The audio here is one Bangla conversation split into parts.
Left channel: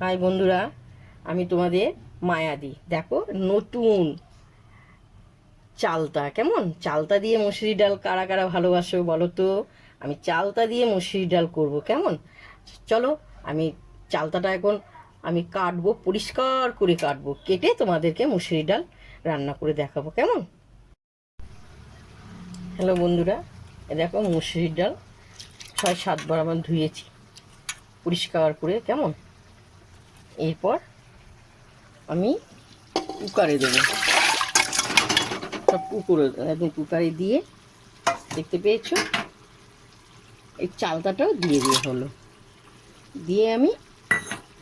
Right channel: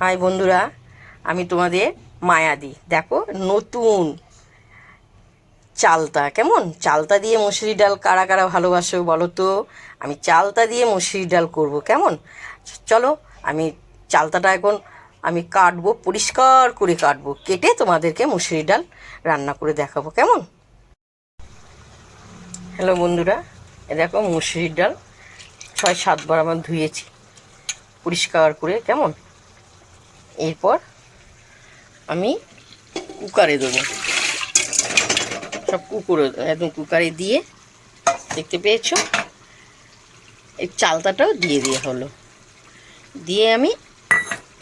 হাই বন্ধুরা, আমি তোমাদের মায়াদি। দেখো নতুন চালতা, কেমন চালতা দিয়ে মসুরি ডাল কারা কারা ভালোবাসো বলো তো। আমি চালতা দিয়ে মসুরি ডাল করব, কেমন? চলো, আমি চালতাটা এখন আমি কাটবো, পরিষ্কার করে কাটবো, কেটে তোমাদেরকে মসুরি ডাল রান্না করে দেখাবো, কেমন? হ্যালো বন্ধুরা, এ দেখো মসুরির ডাল 6-7 বার আমার ধুয়েছি পরিষ্কার করে, কেমন? এরপর আমি কুকারে দেবো, সব কুকুরে একদম কুকারে দিয়ে, দেখতে পেয়েছো, এই চালতাটাও দিয়ে দিয়ে হলো, দিয়ে আমি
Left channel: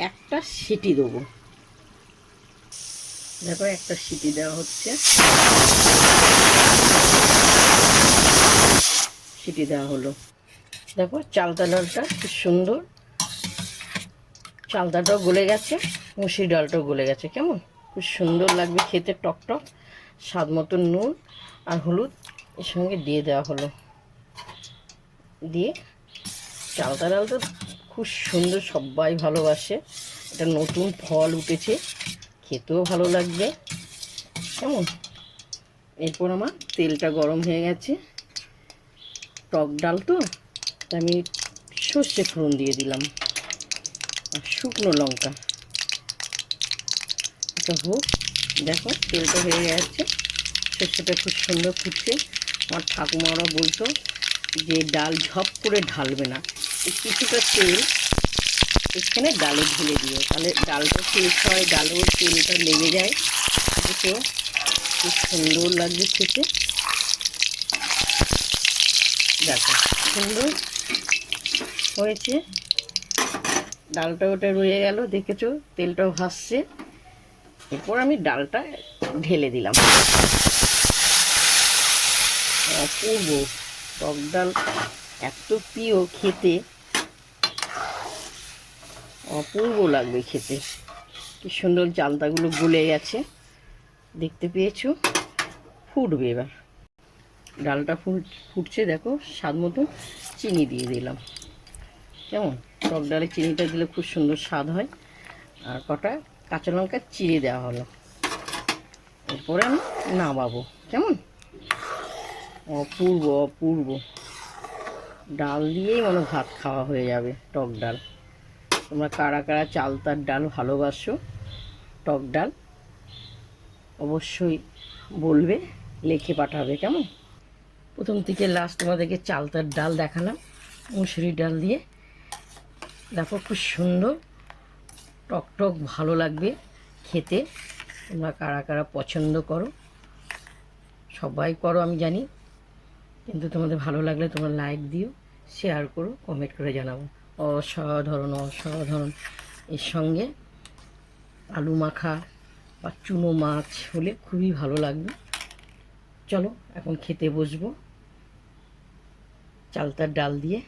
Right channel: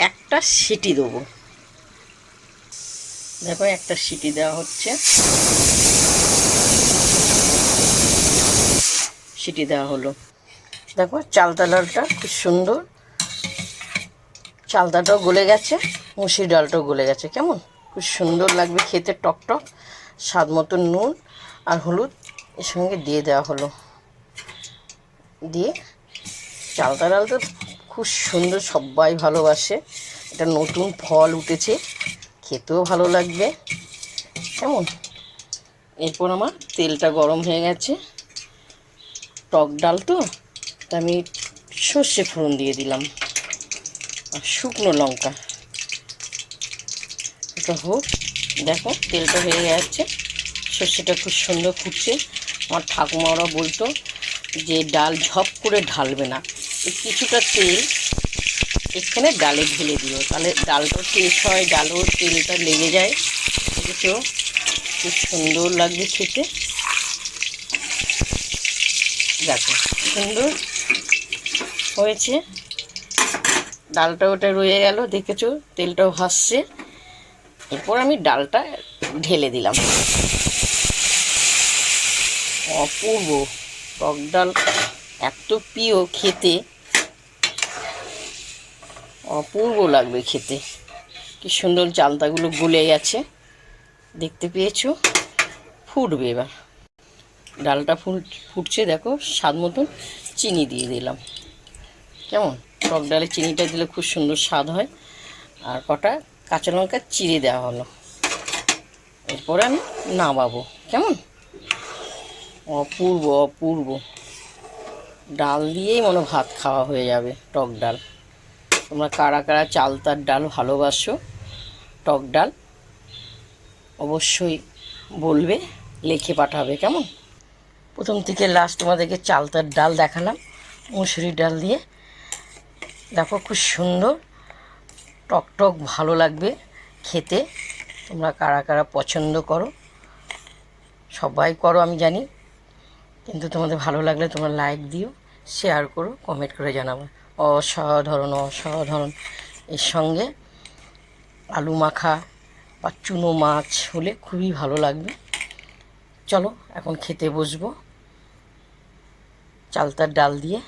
একটা সিটি দেবো। দেখো একটা সিটি দেওয়া হচ্ছে, সিটি দেওয়া হলো। দেখো চালতা ডালটা খুব সুন্দর, চালতাটাও গলে গেছে, মুসুরি ডালটাও গলে গেছে, কেমন খুব সুন্দর লাগবে খেতে, টক টক। স্বাদ মতো নুন আর হলুদ এর সঙ্গে দিয়ে দেওয়া হলো, দিয়ে চালতা ডালটা খুব সুন্দর, সবাই ভালোবাসে। এটা নতুন ফল উঠেছে, খেতেও ভালো লাগবে, কেমন? এরপর আমার তেলটা গরম হয়ে গেছে, টক ডাল তো, তা আমি সর্ষে ফোড়ন দিয়ে দিলাম আর শুকনো লঙ্কা। এটা হোক, দেখো তেলটা হয়ে যাচ্ছে, সর্ষেটা খুব সুন্দর ফুটছে। আমার ঠাকুমারা বলতো যে ডাল ঝপ করে ঢালবে না, এই কিছুটা তেল এখানে ডালে ঢেলে দিও, তাহলে ডালটা টেস্ট হয়, ডালও তেলটা লেগে যায়, এটাতেও খুব সুন্দর লাগবে খেতে। দেখো সুন্দর হয়েছে, ডালটা ওটা রয়ে গেল, দেখেছো তেলটাও ভাসছে। এরপর আমি ডালটা ঢেলে দিলাম, অপূর্ব টক ডাল, এত প্রিয় খেতে, অপূর্ব লাগবে খেতে। কি সুন্দর চালতাগুলো গলে গেছে, দেখতে পেয়েছো, ফুটবে এবার, ডালটা ফুটছে, দেখো স্বাদ মতন চিনি দিয়ে দিলাম, কেমন? টক ডালে চিনিটা দিলে খুব সুন্দর স্বাদ হয়। আর কটা কাঁচা লঙ্কা চিড়ে দেওয়া হলো, এরপরে আমি নামাবো, কেমন? অপূর্ব অপূর্ব, ডাল দিয়েই মনে ভাত খাওয়া হয়ে যাবে, টক ডাল। তোমরা কারা কারা চালতার ডাল ভালোবাসো, টক ডাল, অবশ্যই বলবে, লিখে পাঠাবে, কেমন? প্রথম থেকে লাস্ট তোমাদেরকে চালতার ডাল দেখালাম মুসুরি ডাল দিয়ে, দেখো খুব সুন্দর টক টক, ভালো লাগবে খেতে। তোমরা কারা কারা পছন্দ করো, সবাই করো আমি জানি, কিন্তু তোমাদের ভালো লাগলে তোমরা লাইক দিও, শেয়ার করো, কমেন্ট করে জানাবো। অসাধারণ অসাধারণ, এর সঙ্গে আলু মাখা বা চুনো মাছ হলে খুবই ভালো লাগবে। চলো এখন খেতে বসবো চালতার ডাল দিয়ে।